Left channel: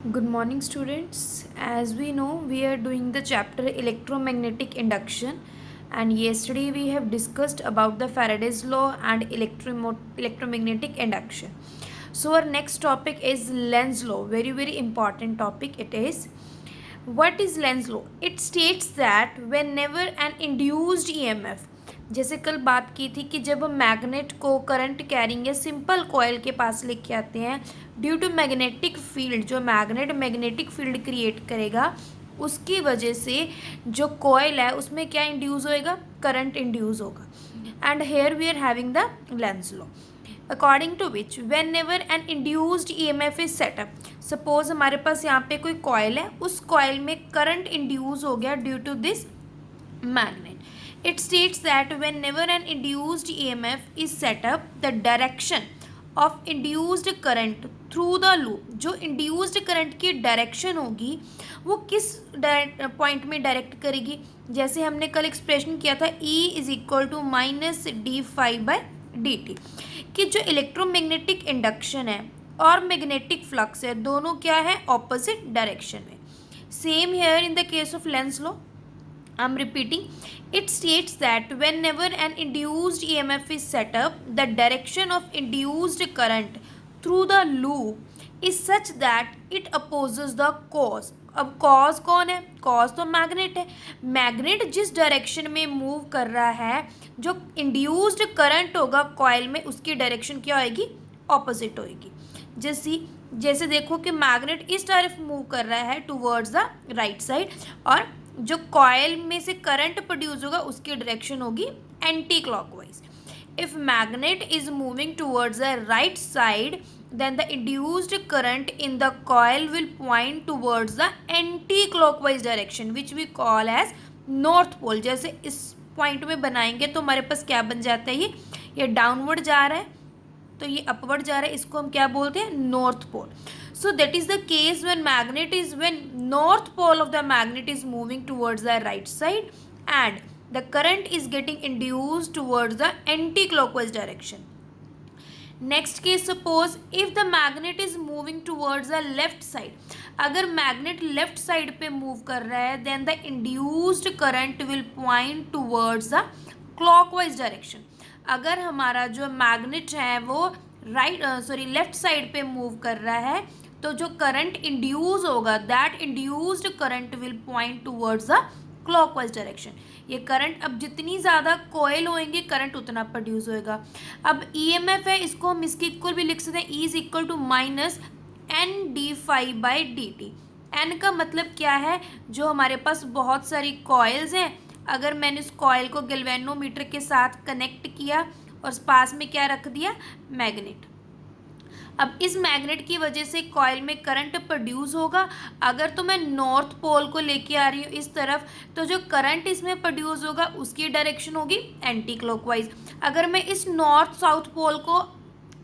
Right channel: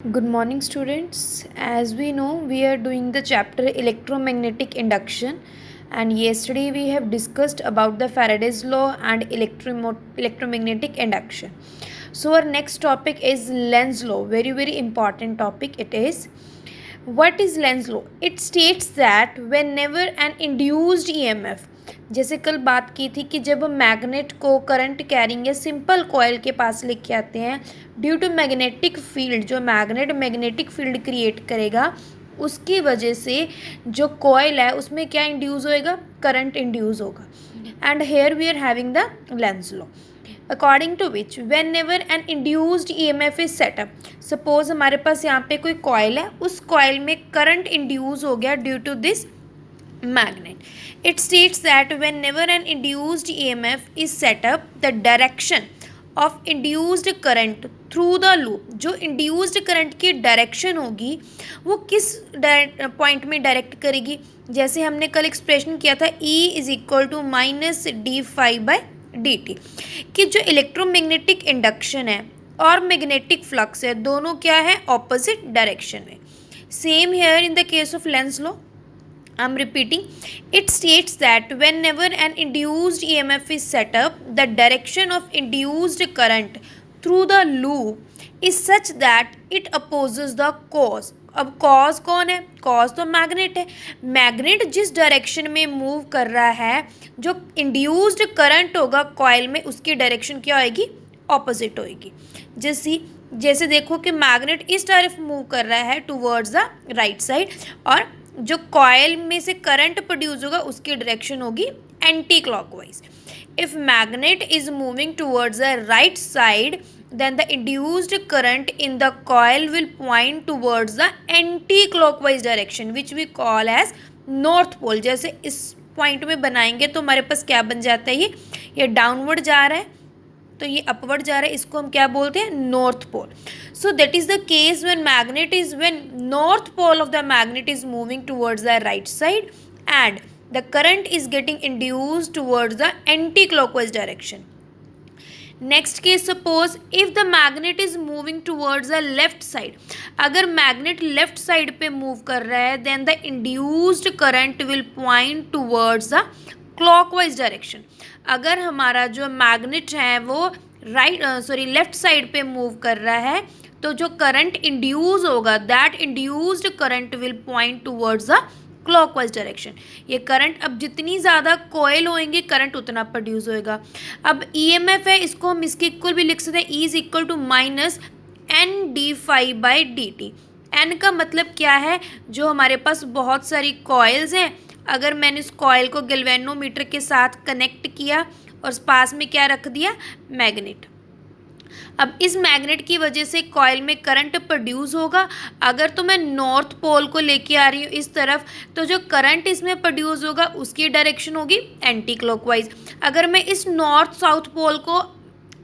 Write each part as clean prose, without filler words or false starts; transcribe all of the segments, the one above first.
Good morning, students. As we know, we are doing the chapter electromagnetic induction, and yesterday we have discussed about the Faraday's law and electromagnetic induction. So, our next topic is Lenz law. Very important topic it is. What is Lenz law? It states that whenever an induced EMF, जैसे कल बात की थी कि जब हम magnet को current carrying या सिंपल कॉयल के पास लेके आते हैं, ड्यू टू मैग्नेटिक फील्ड, जो मैग्नेट मैग्नेटिक फील्ड क्रिएट करेगा उसकी वजह से जो कॉयल है उसमें क्या इंड्यूस होएगा, करंट इंड्यूस होगा. And here we are having the Lenz law according to which whenever an induced E M F is setup. Suppose हमारे पास यहाँ पे कोई कॉयल है, उस कॉयल में करंट इंड्यूस हो गया due to this magnet. It states that whenever an induced EMF is set up, the direction of induced current through the loop, जो induced current की डायरेक्शन होगी वो किस पॉइंट में डायरेक्ट करेगी. जैसे हमने कल एक्सप्रेशन किया था E is equal to minus D phi by D T, कि जो इलेक्ट्रोमैग्नेटिक इंडक्शन है और मैग्नेटिक फ्लक्स है दोनों क्या है, ऑपोजिट डायरेक्शन में. Same here in the case of Lenz law. I'm repeating. It states that whenever an induced EMF is set up, the direction of induced current through the loop is such that it opposes the cause. अब cause कौन है, cause तो magnet है. Magnet जिस direction में move कर रहा है, जो इंड्यूस्ड करंट होगा कॉइल में उसकी डायरेक्शन क्या होएगी, ऑपोजिट होएगी. जैसे देखो कि मैग्नेट इस तरफ मूव कर रहा है टूवर्ड्स द राइट साइड, और जो कॉयल में से करंट प्रोड्यूस होगा उसकी डायरेक्शन होगी anti clockwise. If magnet is moving towards the right side, then the induced current in the coil will point towards the anti-clockwise direction which we call as north pole. जैसे इस point में बनाएंगे तो हमारे पास क्या बन जाता है, ये डाउनवर्ड जा रहा है तो ये अपवर्ड जा रहा है, इसको हम क्या बोलते हैं, north pole. So that is the case when north pole of the magnet is moving towards the right side and the current is getting induced towards the anti-clockwise direction. Next case, suppose if the magnet is moving towards the left side. अगर magnet left side पे move कर रहा है then the induced current will point towards the clockwise direction. अगर हमारा जो magnet है वो लेफ्ट साइड पे मूव कर रहा है तो जो करंट इंड्यूस होगा that induced current will point towards the clockwise direction. ये करंट अब जितनी ज़्यादा कोयल होएंगे करंट उतना प्रोड्यूस होएगा. अब ईएमएफ है, इसको हम इसके इक्वल भी लिख सकते हैं, E is equal to minus N D phi by D T. N का मतलब क्या है, जो हमारे पास बहुत सारी कॉयल्स हैं, अगर मैंने इस कॉयल को गैल्वेनोमीटर के साथ कनेक्ट किया और पास में क्या रख दिया, मैग्नेट. अब इस मैग्नेट की वजह से कॉयल में करंट प्रोड्यूस होगा. अगर तो मैं नॉर्थ पोल को लेके आ रही हूँ इस तरफ तो जो करंट इसमें प्रोड्यूस होगा उसकी डायरेक्शन होगी एंटी क्लॉकवाइज. अगर मैं इस नॉर्थ साउथ पोल को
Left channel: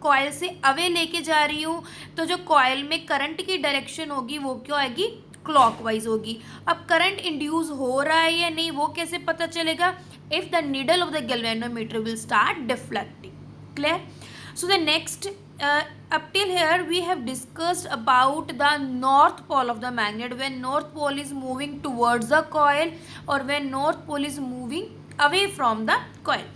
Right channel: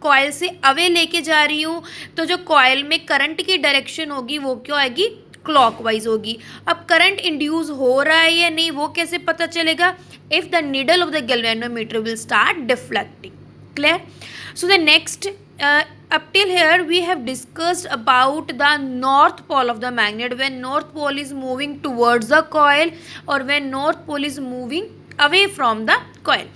कॉयल से अवे लेके जा रही हूँ तो जो कॉयल में करंट की डायरेक्शन होगी वो क्या आएगी, क्लॉकवाइज होगी. अब करंट इंड्यूस हो रहा है या नहीं वो कैसे पता चलेगा, if the needle of the galvanometer will start deflecting. Clear. So the next, up till here we have discussed about the north pole of the magnet, when north pole is moving towards the coil or when north pole is moving away from the coil.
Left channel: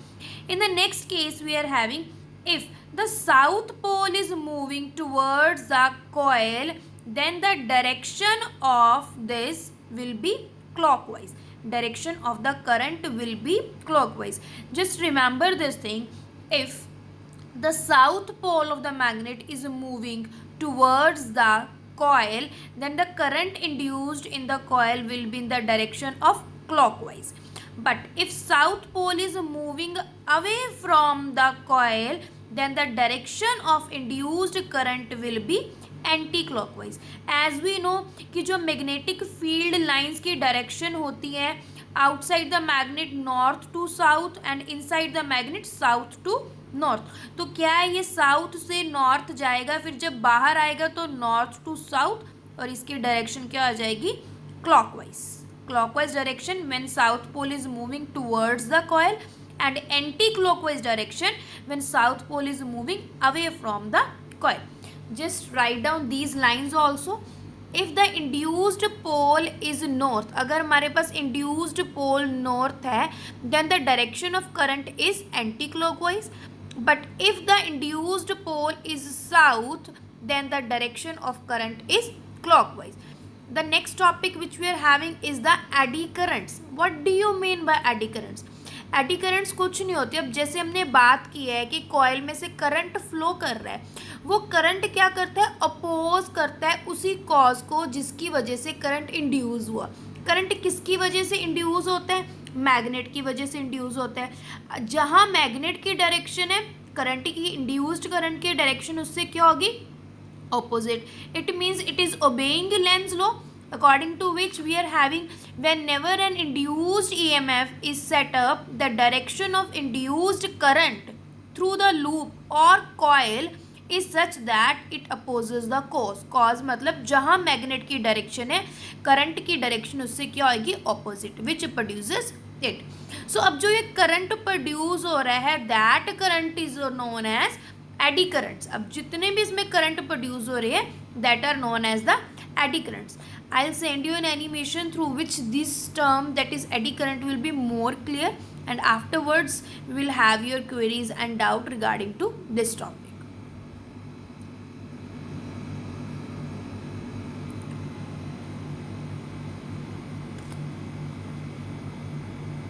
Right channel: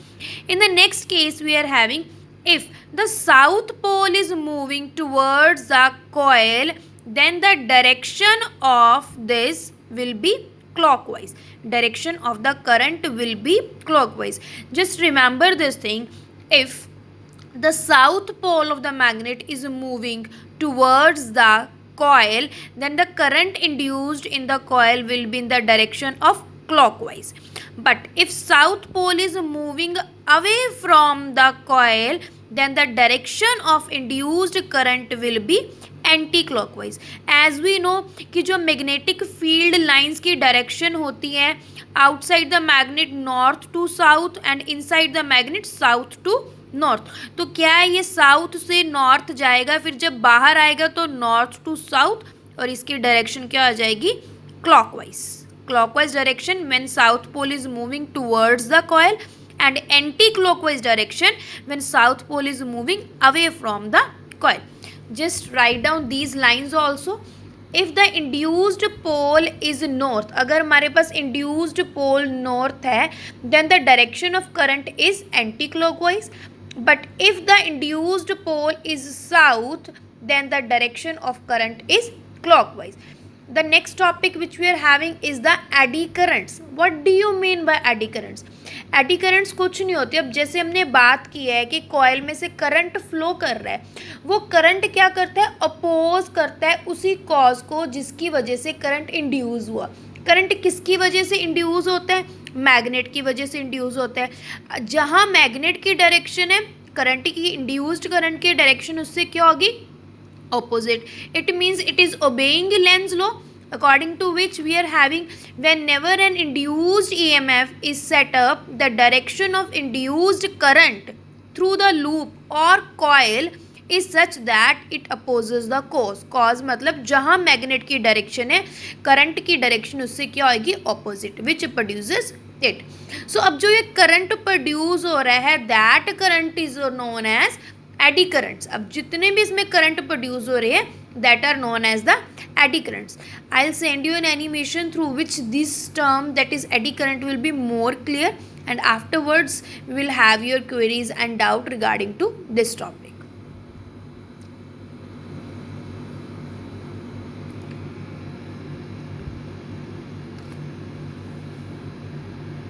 In the next case we are having, if the south pole is moving towards the coil then the direction of this will be clockwise. Direction of the current will be clockwise. Just remember this thing, if the south pole of the magnet is moving towards the coil then the current induced in the coil will be in the direction of clockwise. But if south pole is moving away from the coil then the direction of induced current will be anticlockwise. As we know कि जो magnetic field lines की direction होती है outside the magnet north to south and inside the magnet south to north. तो क्या है, ये south से नॉर्थ जाएगा, फिर जब बाहर आएगा तो नॉर्थ टू साउथ, और इसकी डायरेक्शन क्या आ जाएगी, clockwise. Clockwise direction when south pole is moving towards the coil and anti-clockwise direction when south pole is moving away from the coil. Just write down these lines also. If the induced pole is north, अगर हमारे पास induced pole north है then the direction of current is anticlockwise, but if the induced pole is south then the direction of current is clockwise. The next topic which we are having is the eddy currents. What do you mean by eddy currents? Eddy currents कुछ नहीं होते. अब जैसे हमने बात की है कि कॉइल में से करंट फ्लो कर रहा है, वो करंट क्या करता है, अपोज करता है उसी कॉज को जिसकी वजह से करंट इंड्यूस हुआ. करंट किसकी वजह से इंड्यूस होता है, मैग्नेट की वजह से इंड्यूस होता है. जहाँ मैग्नेट की डायरेक्शन है करंट की, इंड्यूस्ड करंट की डायरेक्शन उससे क्या होगी, opposite. It means it is obeying Lenz's law, according to which we are having whenever an induced EMF is set up, the direction of induced current through the loop or coil is such that it opposes the cause. cause मतलब जहाँ magnet की direction है current की direction उससे क्या होगी, opposite, which produces it. So अब जो ये करंट प्रोड्यूस हो रहा है that current is known as eddy currents. अब जितने भी इसमें करंट प्रोड्यूस हो रहे हैं that are known as the eddy currents. I will send you an animation through which this term that is eddy current will be more clear, and afterwards we will have your queries and doubt regarding to this topic.